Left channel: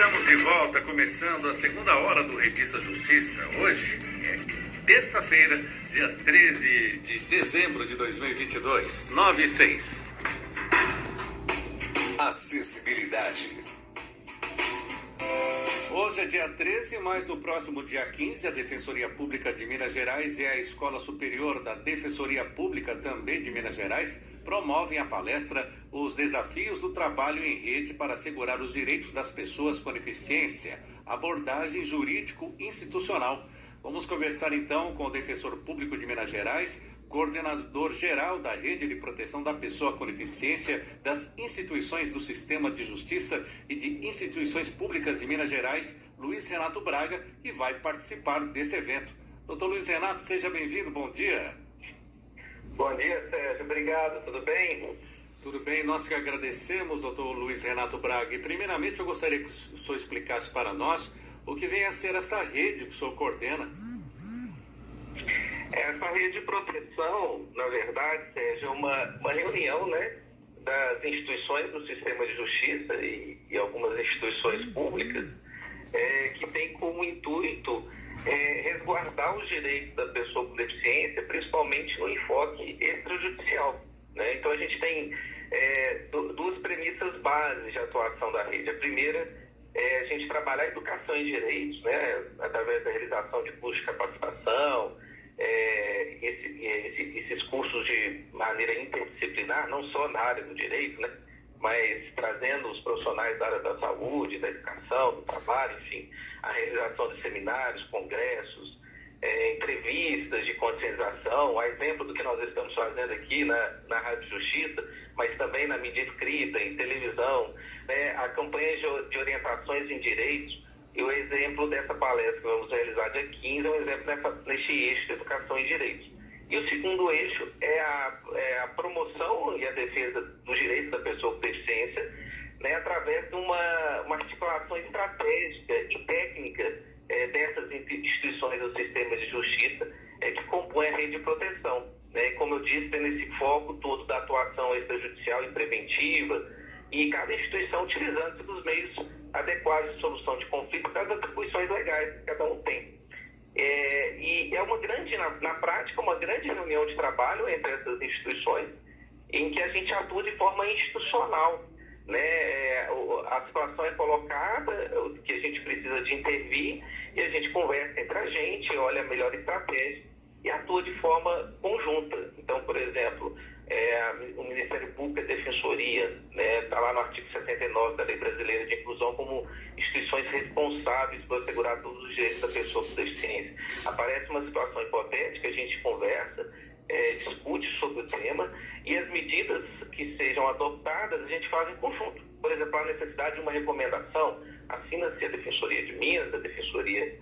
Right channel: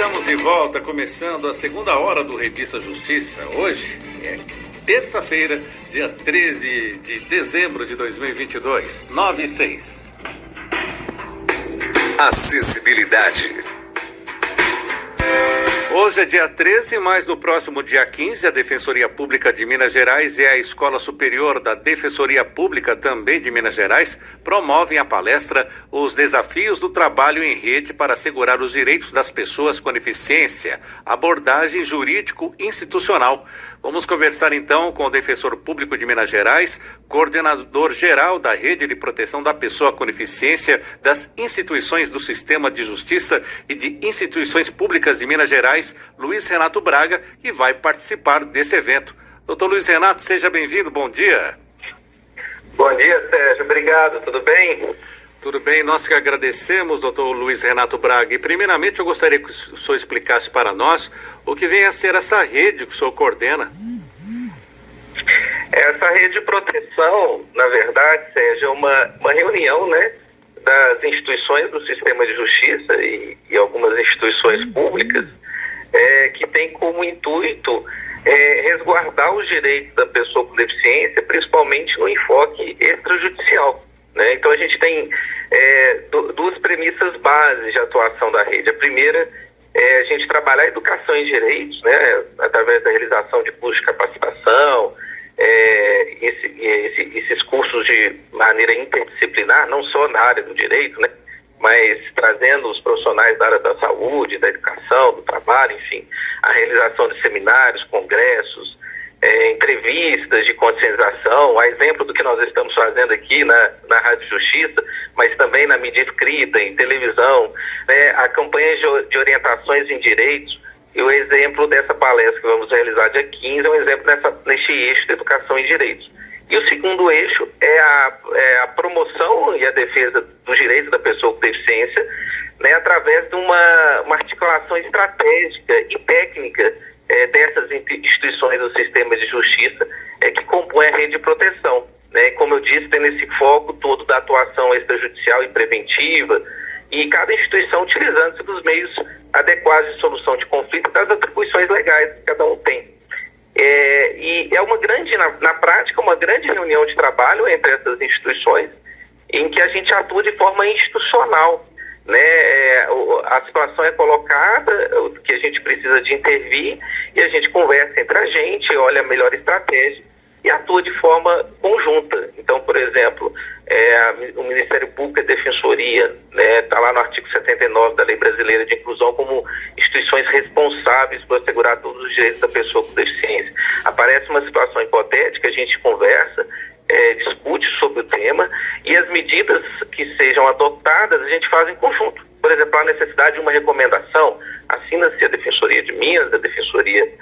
Estamos de volta, começando a segunda hora do Revista Justiça. Hoje é terça-feira, dia 13 de dezembro de 2022, 9:06. Acessibilidade. Hoje é dia 13, mas no próximo dia 15, a Defensoria Pública de Minas Gerais e a Escola Superior da Defensoria Pública, também de Minas Gerais, promovem a palestra Os Desafios do Trabalho em Rede para Assegurar os Direitos das Pessoas com Deficiência, abordagem jurídico-institucional. Vamos conversar então com o Defensor Público de Minas Gerais, coordenador-geral da Rede de Proteção da Pessoa com Deficiência, das instituições do Sistema de Justiça e de instituições públicas de Minas Gerais, Luiz Renato Braga, que vai participar desse evento. Doutor Luiz Renato, seja bem-vindo, bom dia. Bom dia, Sérgio, obrigado, tudo bem? Tudo bem, nós que agradecemos, doutor Luiz Renato Braga. E primeiramente eu gostaria que o senhor explicasse para nós o que vem a ser essa rede que o senhor coordena. Essa rede de proteção, na verdade, Sérgio, é uma reunião, né, das instituições do sistema de justiça e algumas instituições públicas que tem como intuito resguardar os direitos da pessoa com deficiência, principalmente no enfoque extrajudicial. Né? Então a gente tem duas premissas bases de atuação da rede. A primeira é a gente trabalhar a educação em direitos, né? Através da realização de cursos de capacitação, esses cursos de maneira interdisciplinar, não só na área do direito, né? Mas trazendo os profissionais da área da saúde, da educação, do trabalho, enfim, a realização de seminários, congressos, entrevistas de conscientização, a exemplo do que nós estamos fazendo aqui na Rádio Justiça, mas também na mídia escrita, em televisão, né, a campanha de orientações em direitos. E o exemplo dessa palestra que vamos realizar dia 15 é um exemplo neste eixo de educação em direitos. E o segundo eixo é a promoção e a defesa dos direitos da pessoa com deficiência, né, através de uma articulação estratégica e técnica dessas instituições do sistema de justiça que compõem a rede de proteção. Né? Como eu disse, tem esse foco todo da atuação extrajudicial e preventiva, e cada instituição utilizando-se dos meios adequados de solução de conflito, das atribuições legais que cada um tem. E é uma grande, na prática, uma grande reunião de trabalho entre essas instituições, em que a gente atua de forma institucional. Né? A situação é colocada, que a gente precisa de intervir, e a gente conversa entre a gente, olha a melhor estratégia e atua de forma conjunta. Então, por exemplo, o Ministério Público e a Defensoria, né, está lá no artigo 79 da Lei Brasileira de Inclusão como instituições responsáveis por assegurar todos os direitos da pessoa com deficiência. Aparece uma situação hipotética, a gente conversa, discute sobre o tema, e as medidas que sejam adotadas a gente faz em conjunto. Por exemplo, a necessidade de uma recomendação, assina-se a Defensoria de Minas, a Defensoria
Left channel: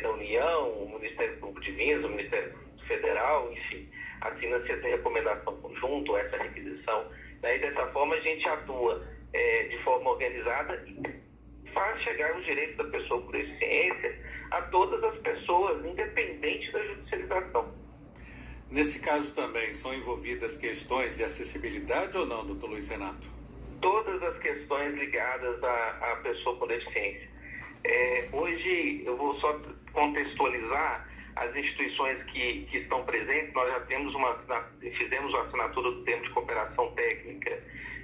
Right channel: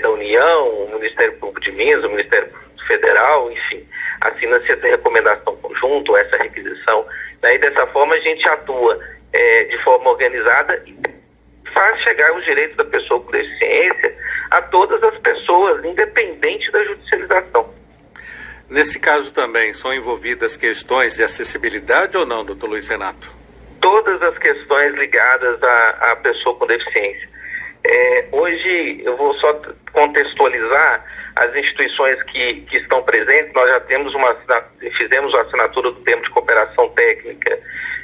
da União, o Ministério Público de Minas, o Ministério Público Federal, enfim, assina-se essa recomendação conjunto, essa requisição. Daí, dessa forma, a gente atua de forma organizada e faz chegar os direitos da pessoa com deficiência a todas as pessoas, independente da judicialização. Nesse caso também são envolvidas questões de acessibilidade ou não, doutor Luiz Renato? Todas as questões ligadas à pessoa com deficiência. Hoje, eu vou só contextualizar as instituições que estão presentes. Nós já fizemos a assinatura do termo de cooperação técnica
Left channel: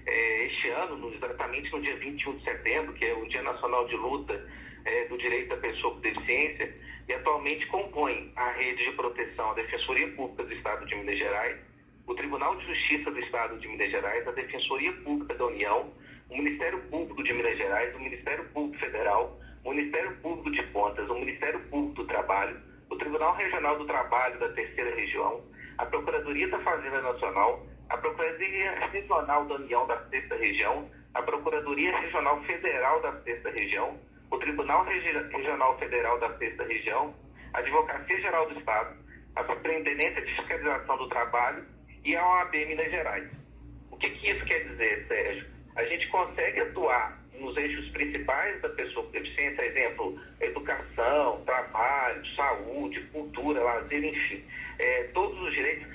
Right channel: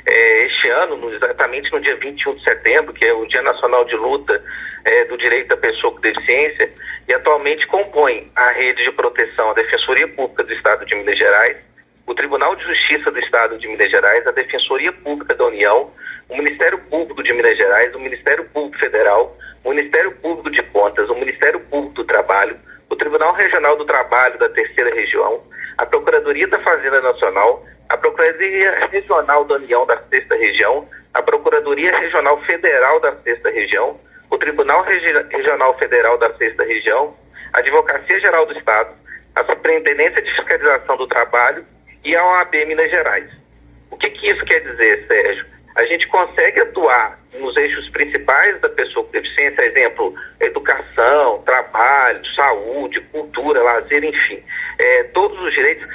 este ano, exatamente no dia 21 de setembro, que é o Dia Nacional de Luta do Direito da Pessoa com Deficiência, e atualmente compõe a rede de proteção, a Defensoria Pública do Estado de Minas Gerais, o Tribunal de Justiça do Estado de Minas Gerais, a Defensoria Pública da União, o Ministério Público de Minas Gerais, o Ministério Público Federal, o Ministério Público de Contas, o Ministério Público do Trabalho, o Tribunal Regional do Trabalho da Terceira Região, a Procuradoria da Fazenda Nacional, a Procuradoria Regional da União da Sexta Região, a Procuradoria Regional Federal da Sexta Região, o Tribunal Regional Federal da Sexta Região, a Advocacia Geral do Estado, a Superintendência de Fiscalização do Trabalho e a OAB Minas Gerais. O que isso quer dizer, Sérgio? A gente consegue atuar nos eixos principais da pessoa com deficiência, exemplo, educação, trabalho, saúde, cultura, lazer, enfim, todos os direitos,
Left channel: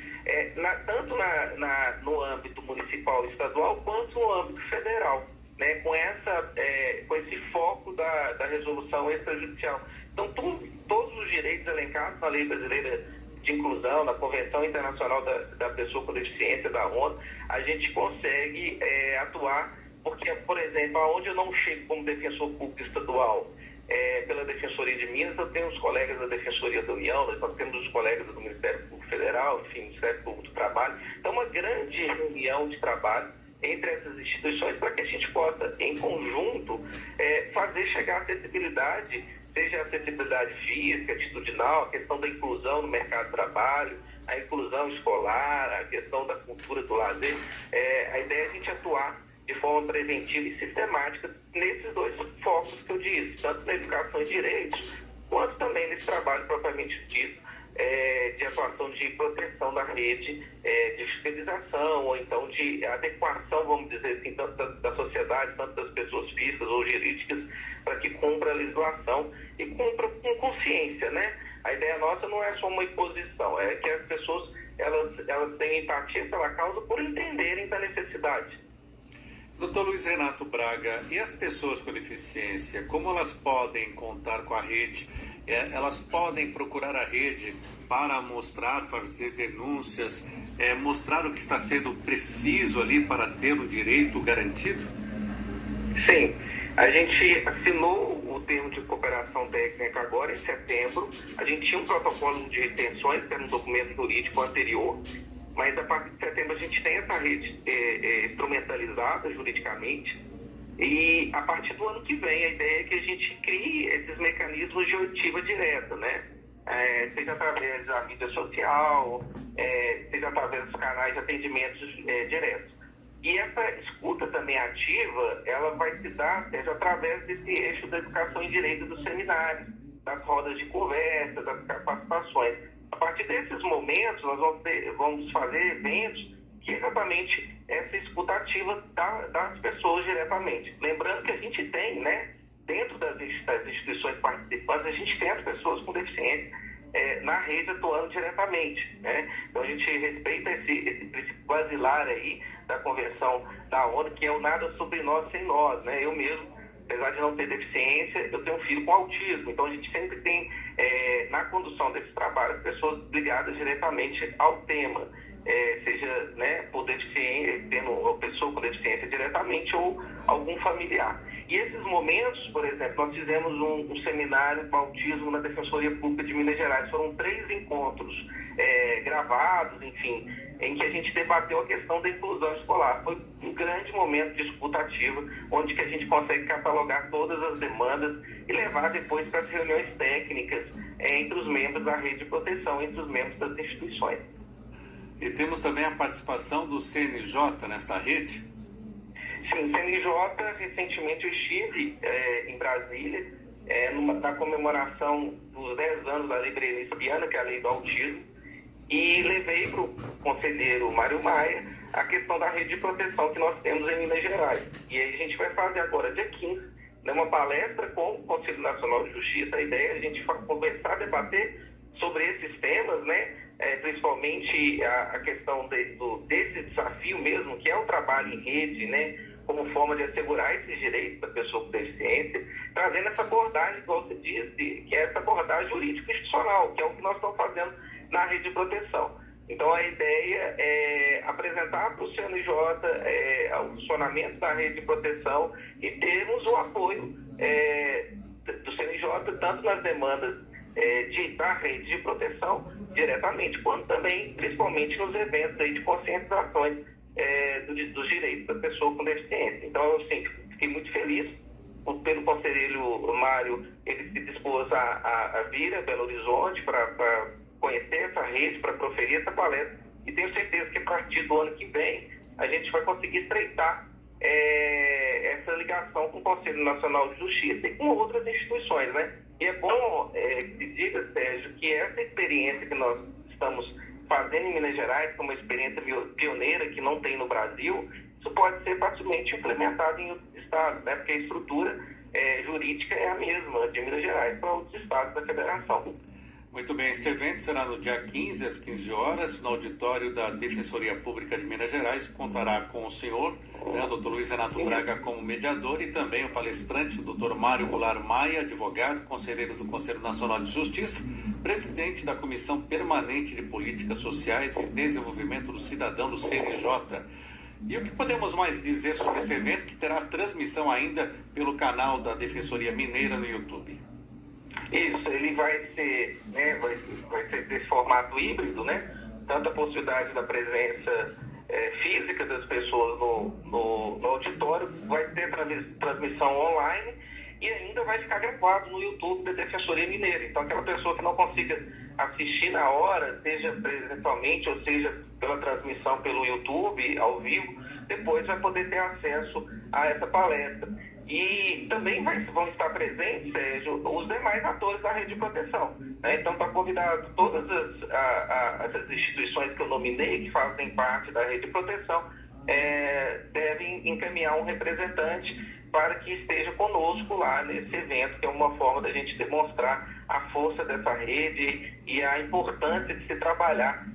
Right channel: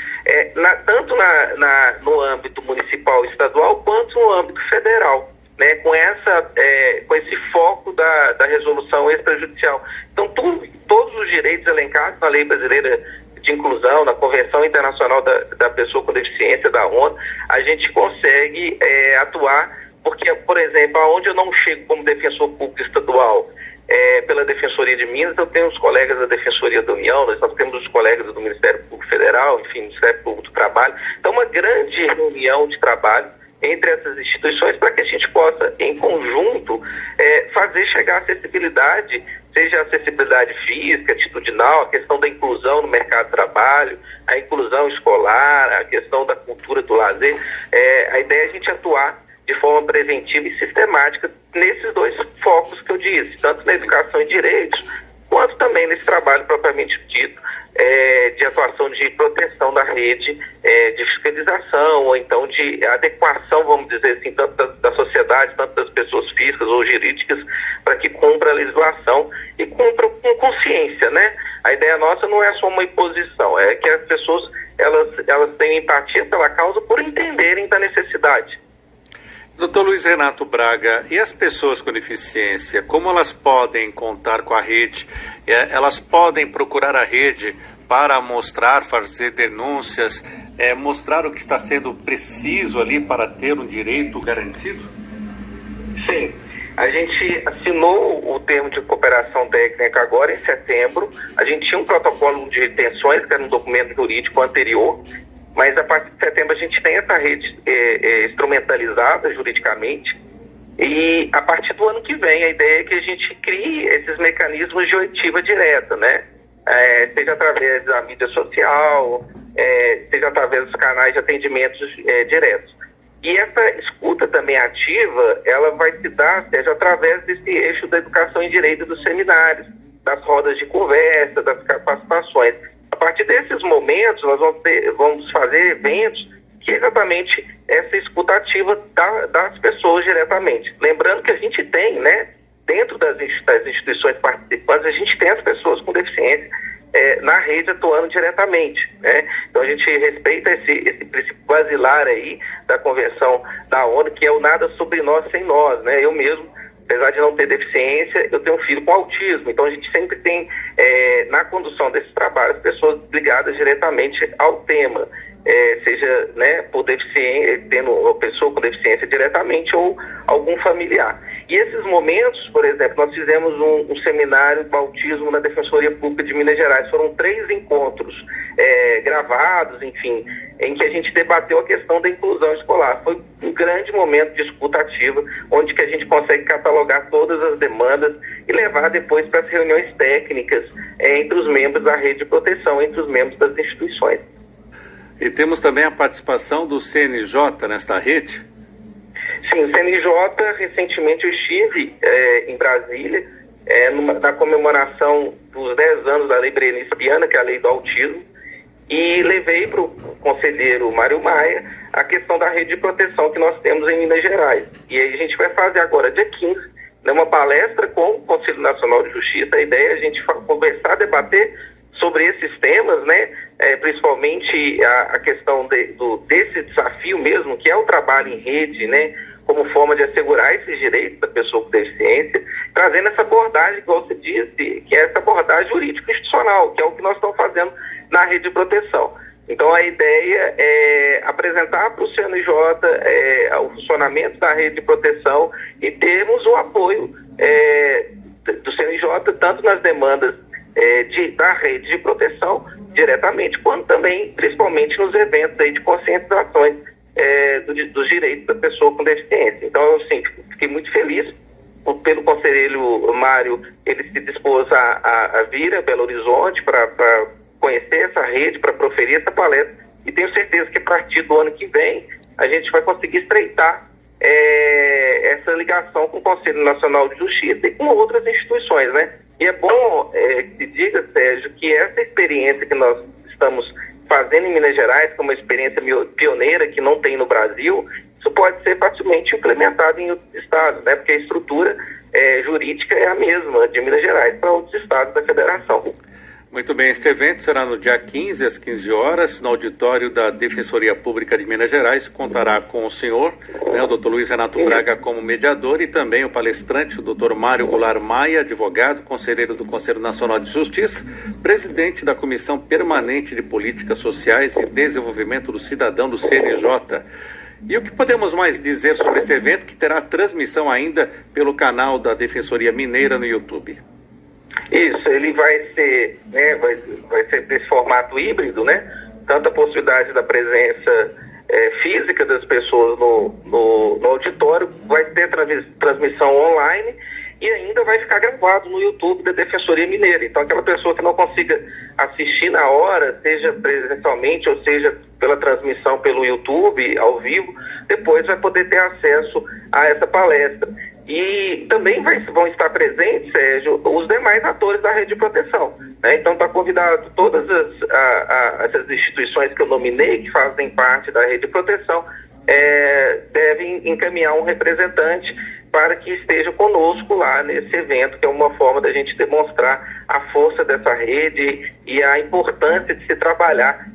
tanto no âmbito municipal e estadual, quanto no âmbito federal. né, com esse foco da resolução extrajudicial. Então, todos os direitos elencados na Lei Brasileira de Inclusão, na Convenção Internacional da Pessoa com Deficiência da ONU, a gente consegue atuar, porque, por exemplo, aonde eu não chego como defensor público estadual, pela Defensoria de Minas, eu tenho os colegas da Defensoria da União, nós temos os colegas do Ministério Público Federal, enfim, Ministério Público do Trabalho. Então, uma grande reunião de trabalho entre essas instituições para que a gente possa, em conjunto, fazer chegar a acessibilidade, seja a acessibilidade física, atitudinal, a questão da inclusão no mercado de trabalho, a inclusão escolar, a questão da cultura do lazer. A ideia é a gente atuar de forma preventiva e sistemática nesses dois focos que eu disse, tanto na educação e direitos, quanto também nesse trabalho propriamente dito de atuação de proteção da rede, de fiscalização, ou então de adequação, vamos dizer assim, tanto da sociedade, tanto das pessoas físicas ou jurídicas, para que cumpra a legislação e cumpra com consciência, né? A ideia nossa não é só uma imposição, é que as pessoas elas tenham empatia pela causa por entenderem da necessidade. Doutor Luiz Renato Braga, e as pessoas com deficiência, como elas podem contar com a rede? Elas podem procurar a rede para mostrar, fazer denúncias, mostrar o que está sendo preciso ali para ter um direito garantido? Sim, a gente assinou o termo de cooperação técnica agora em setembro. A gente tinha um protocolo de retenções, que era um documento jurídico anterior, mas a partir de setembro a gente tem essa rede instrumentalizada juridicamente, e a partir do ano que vem a ideia é que a gente crie esses mecanismos de oitiva direta, né? Seja através da mídia social, seja através dos canais de atendimentos diretos. E essa escuta também ativa, ela vai se dar, seja através desse eixo da educação em direito dos seminários, das rodas de conversa, das capacitações. A partir desses momentos, nós vamos fazer eventos que exatamente essa escuta ativa das pessoas diretamente. Lembrando que a gente tem, né, dentro das instituições participantes, a gente tem as pessoas com deficiência na rede atuando diretamente, né? Então a gente respeita esse princípio basilar aí da Convenção da ONU, que é o nada sobre nós sem nós, né? Eu mesmo, apesar de não ter deficiência, eu tenho um filho com autismo, então a gente sempre tem na condução desses trabalhos pessoas ligadas diretamente ao tema, seja, né, por deficiência, tendo uma pessoa com deficiência diretamente ou algum familiar. E esses momentos, por exemplo, nós fizemos um seminário do autismo na Defensoria Pública de Minas Gerais. Foram 3 encontros gravados, enfim, em que a gente debateu a questão da inclusão escolar. Foi um grande momento de escuta ativa, onde que a gente consegue catalogar todas as demandas e levar depois para as reuniões técnicas entre os membros da rede de proteção, entre os membros das instituições. E temos também a participação do CNJ nesta rede? Sim, o CNJ, recentemente eu estive em Brasília, na comemoração dos 10 anos da Lei Berenice Viana, que é a Lei do Autismo, e levei para o conselheiro Mário Maia a questão da rede de proteção que nós temos em Minas Gerais. E aí a gente vai fazer agora, dia 15, uma palestra com o Conselho Nacional de Justiça. A ideia é a gente conversar, debater sobre esses temas, né? Principalmente a questão desse desafio mesmo, que é o trabalho em rede, né? Como forma de assegurar esses direitos da pessoa com deficiência, trazendo essa abordagem, igual você disse, que é essa abordagem jurídico-institucional, que é o que nós estamos fazendo na rede de proteção. Então, a ideia é apresentar para o CNJ o funcionamento da rede de proteção e termos o apoio do CNJ, tanto nas demandas da rede de proteção diretamente, quanto também, principalmente, nos eventos aí de conscientizações dos direitos da pessoa com deficiência. Então, eu sim, fiquei muito feliz pelo conselheiro Mário, ele se dispôs a vir a Belo Horizonte para conhecer essa rede, para proferir essa palestra, e tenho certeza que a partir do ano que vem a gente vai conseguir estreitar essa ligação com o Conselho Nacional de Justiça e com outras instituições, né? E é bom que se diga, Sérgio, que essa experiência que nós estamos fazendo em Minas Gerais, que é uma experiência pioneira que não tem no Brasil, isso pode ser facilmente implementado em outros estados, né? Porque a estrutura jurídica é a mesma de Minas Gerais para outros estados da federação. Muito bem, este evento será no dia 15, às 15 horas, no auditório da Defensoria Pública de Minas Gerais. Contará com o senhor, o Dr. Luiz Renato Braga, como mediador, e também o palestrante, o Dr. Mário Goulart Maia, advogado, conselheiro do Conselho Nacional de Justiça, presidente da Comissão Permanente de Políticas Sociais e Desenvolvimento do Cidadão do CNJ. E o que podemos mais dizer sobre esse evento, que terá transmissão ainda pelo canal da Defensoria Mineira no YouTube? Isso, ele vai ser, né, vai ser desse formato híbrido, né? Tanto a possibilidade da presença física das pessoas no auditório, vai ter transmissão online e ainda vai ficar gravado no YouTube da Defensoria Mineira. Então, aquela pessoa que não consiga assistir na hora, seja presencialmente ou seja pela transmissão pelo YouTube, ao vivo, depois vai poder ter acesso a essa palestra. E também vão estar presentes, Sérgio, os demais atores da rede de proteção, né? Então está convidado todas essas instituições que eu nominei, que fazem parte da rede de proteção, devem encaminhar um representante para que esteja conosco lá nesse evento, que é uma forma da gente demonstrar a força dessa rede e a importância de se trabalhar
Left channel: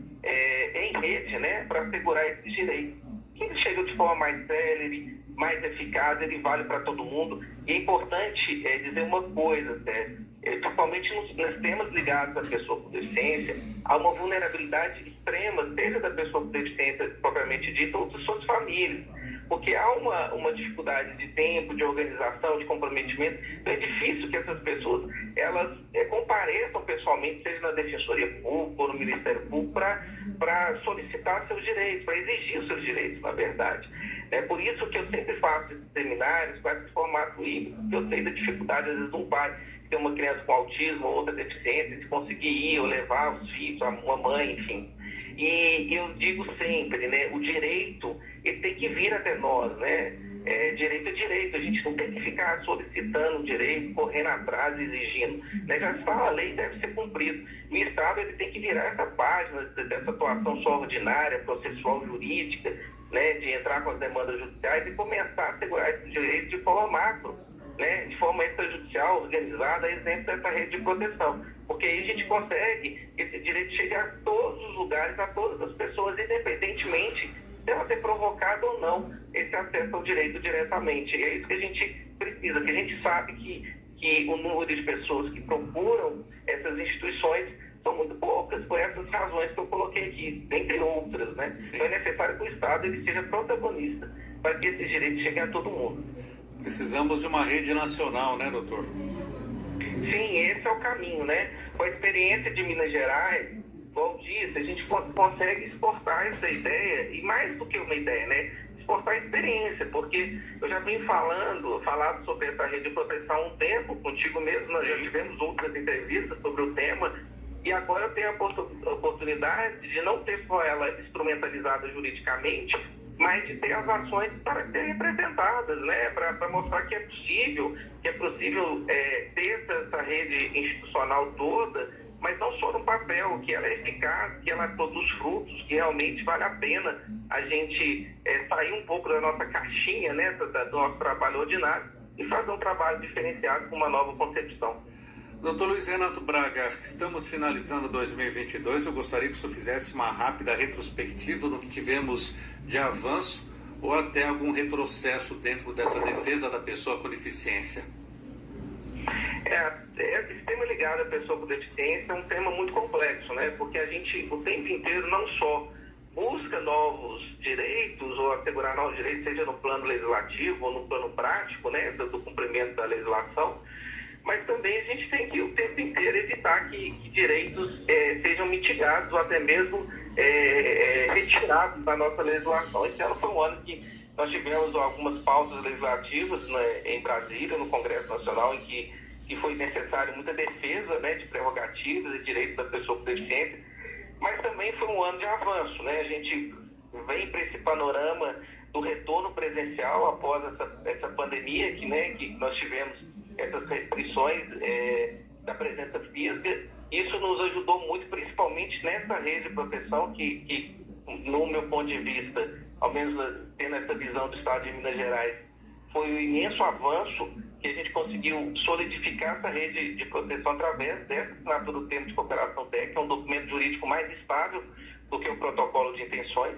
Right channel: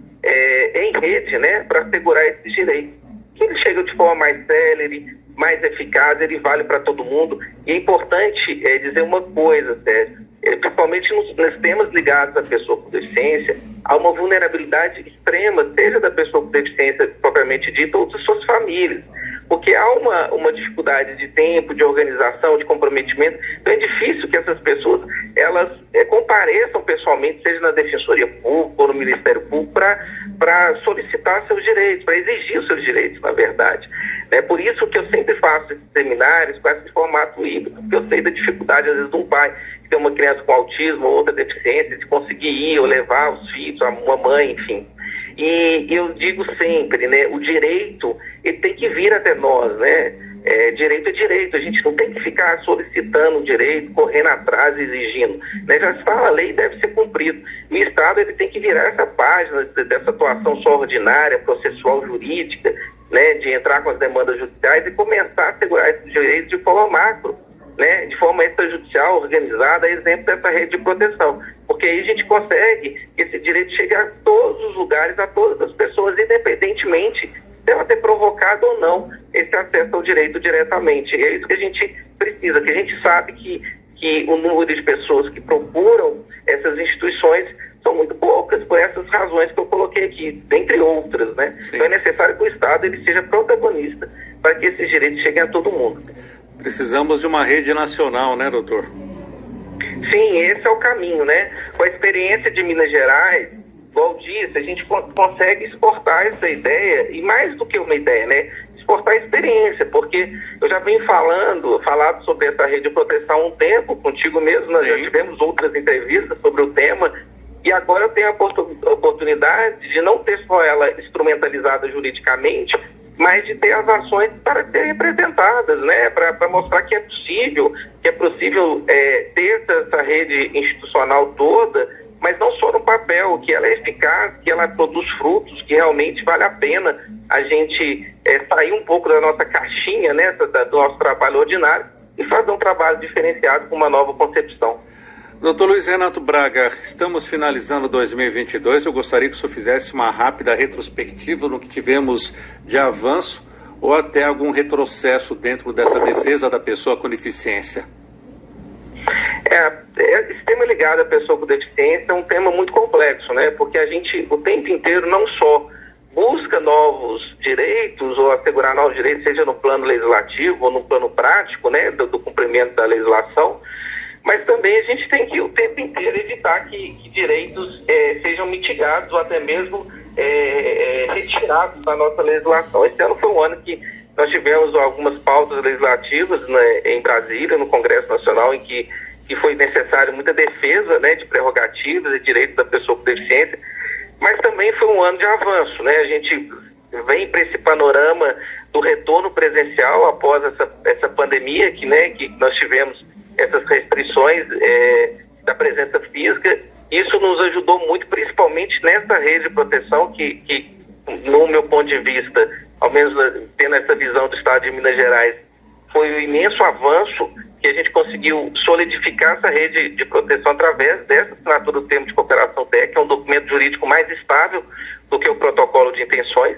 em rede, né, para assegurar esses direitos. Que ele chega de forma mais célere, mais eficaz, ele vale para todo mundo. E é importante dizer uma coisa, Sérgio, principalmente nos temas ligados à pessoa com deficiência, há uma vulnerabilidade extrema, seja da pessoa com deficiência propriamente dita ou de suas famílias, porque há uma dificuldade de tempo, de organização, de comprometimento. Então é difícil que essas pessoas elas compareçam pessoalmente, seja na Defensoria Pública ou no Ministério Público, para solicitar seus direitos, para exigir os seus direitos, na verdade. É por isso que eu sempre faço esses seminários com esse formato híbrido, porque eu sei da dificuldade, às vezes, de um pai que tem uma criança com autismo ou outra deficiência, de conseguir ir ou levar os filhos, uma mãe, enfim. E eu digo sempre, né, o direito, ele tem que vir até nós, né? Direito é direito, a gente não tem que ficar solicitando o direito, correndo atrás, exigindo, né? Já se fala, a lei deve ser cumprida. O Estado, ele tem que virar essa página dessa atuação só ordinária, processual, jurídica, né, de entrar com as demandas judiciais e começar a assegurar esses direitos de forma macro, né, de forma extrajudicial, organizada, exemplo dessa rede de proteção. Porque aí a gente consegue que esse direito chegue a todos os lugares, a todas as pessoas, independentemente de ela ter provocado ou não esse acesso ao direito diretamente. E é isso que a gente precisa, que a gente sabe que o número de pessoas que procuram essas instituições são muito poucas, por essas razões que eu coloquei aqui, dentre outras, né? Sim. Então é necessário que o Estado ele seja protagonista para que esses direitos cheguem a todo mundo. Precisamos de uma rede nacional, né, doutor? Sim, esse é o caminho, né? Com a experiência de Minas Gerais, igual disse, a gente consegue exportar essa ideia, e mais do que uma ideia, né? Exportar a experiência, porque eu já venho falado sobre essa rede de proteção há um tempo, contigo mesmo, nós já tivemos outras entrevistas sobre o tema, e agora eu tenho a oportunidade de não ter só ela instrumentalizada juridicamente, mas de ter as ações para serem representadas, né? Para mostrar que é possível ter essa rede institucional toda, mas não só no papel, que ela é eficaz, que ela produz frutos, que realmente vale a pena a gente sair um pouco da nossa caixinha, né? Do nosso trabalho ordinário e fazer um trabalho diferenciado com uma nova concepção. Doutor Luiz Renato Braga, estamos finalizando 2022. Eu gostaria que o senhor fizesse uma rápida retrospectiva no que tivemos de avanço ou até algum retrocesso dentro dessa defesa da pessoa com deficiência. Esse tema ligado à pessoa com deficiência é um tema muito complexo, né? Porque a gente, o tempo inteiro, não só busca novos direitos ou assegurar novos direitos, seja no plano legislativo ou no plano prático, né? Do cumprimento da legislação, mas também a gente tem que o tempo inteiro evitar que direitos sejam mitigados ou até mesmo retirados da nossa legislação. Esse ano foi um ano que nós tivemos algumas pautas legislativas, né, em Brasília, no Congresso Nacional, em que foi necessário muita defesa, né, de prerrogativas e direitos da pessoa com deficiência, mas também foi um ano de avanço, né? A gente vem para esse panorama do retorno presencial após essa pandemia, que nós tivemos essas restrições da presença física. Isso nos ajudou muito, principalmente nessa rede de proteção que no meu ponto de vista, ao menos tendo essa visão do Estado de Minas Gerais, foi o imenso avanço que a gente conseguiu solidificar essa rede de proteção através dessa assinatura do termo de cooperação técnica, que é um documento jurídico mais estável do que o protocolo de intenções.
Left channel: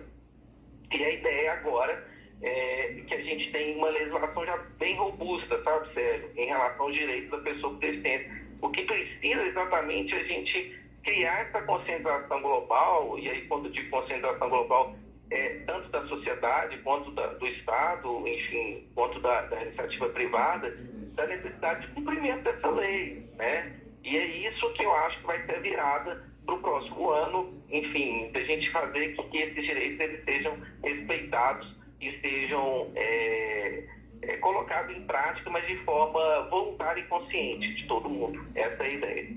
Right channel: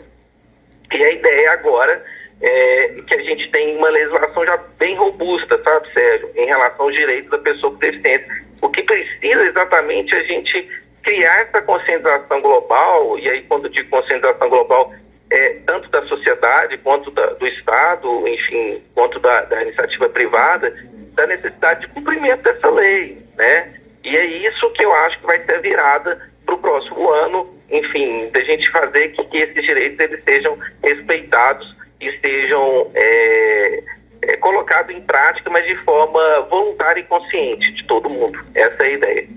E a ideia agora é que a gente tem uma legislação já bem robusta, sabe, Sérgio, em relação aos direitos da pessoa com deficiência. O que precisa exatamente é a gente criar essa conscientização global, e aí quando digo conscientização global, tanto da sociedade quanto do Estado, enfim, quanto da iniciativa privada, da necessidade de cumprimento dessa lei, né? E é isso que eu acho que vai ser a virada para o próximo ano, enfim, da gente fazer que esses direitos eles sejam respeitados e sejam colocados em prática, mas de forma voluntária e consciente de todo mundo. Essa é a ideia.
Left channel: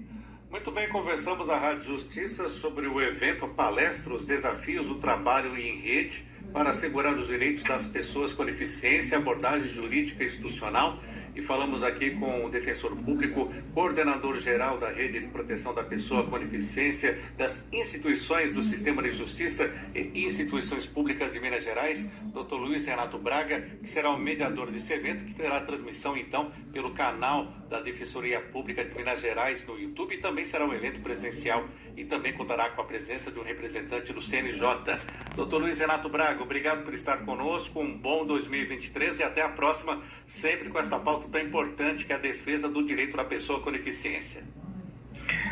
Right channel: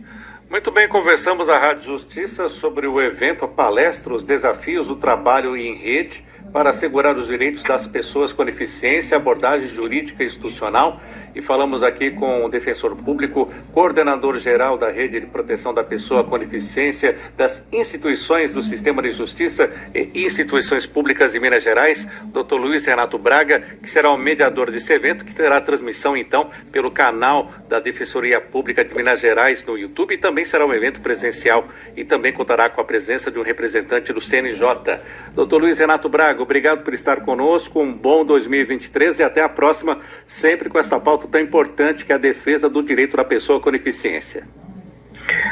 Muito bem, conversamos à Rádio Justiça sobre o evento, a palestra, os desafios do trabalho em rede para assegurar os direitos das pessoas com deficiência, abordagem jurídica e institucional. E falamos aqui com o defensor público, coordenador-geral da Rede de Proteção da Pessoa com Deficiência, das instituições do Sistema de Justiça e instituições públicas de Minas Gerais, Dr. Luiz Renato Braga, que será o mediador desse evento, que terá transmissão, então, pelo canal da Defensoria Pública de Minas Gerais no YouTube, e também será um evento presencial e também contará com a presença de um representante do CNJ. Dr. Luiz Renato Braga, obrigado por estar conosco, um bom 2023 e até a próxima, sempre com essa pauta tão importante que é a defesa do direito da pessoa com deficiência.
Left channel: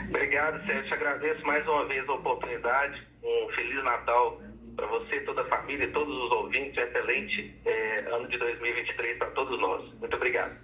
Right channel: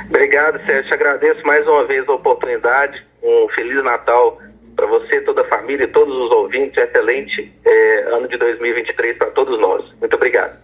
Obrigado, Sérgio. Agradeço mais uma vez a oportunidade. Um Feliz Natal para você, toda a família e todos os ouvintes. Um excelente ano de 2023 para todos nós. Muito obrigado.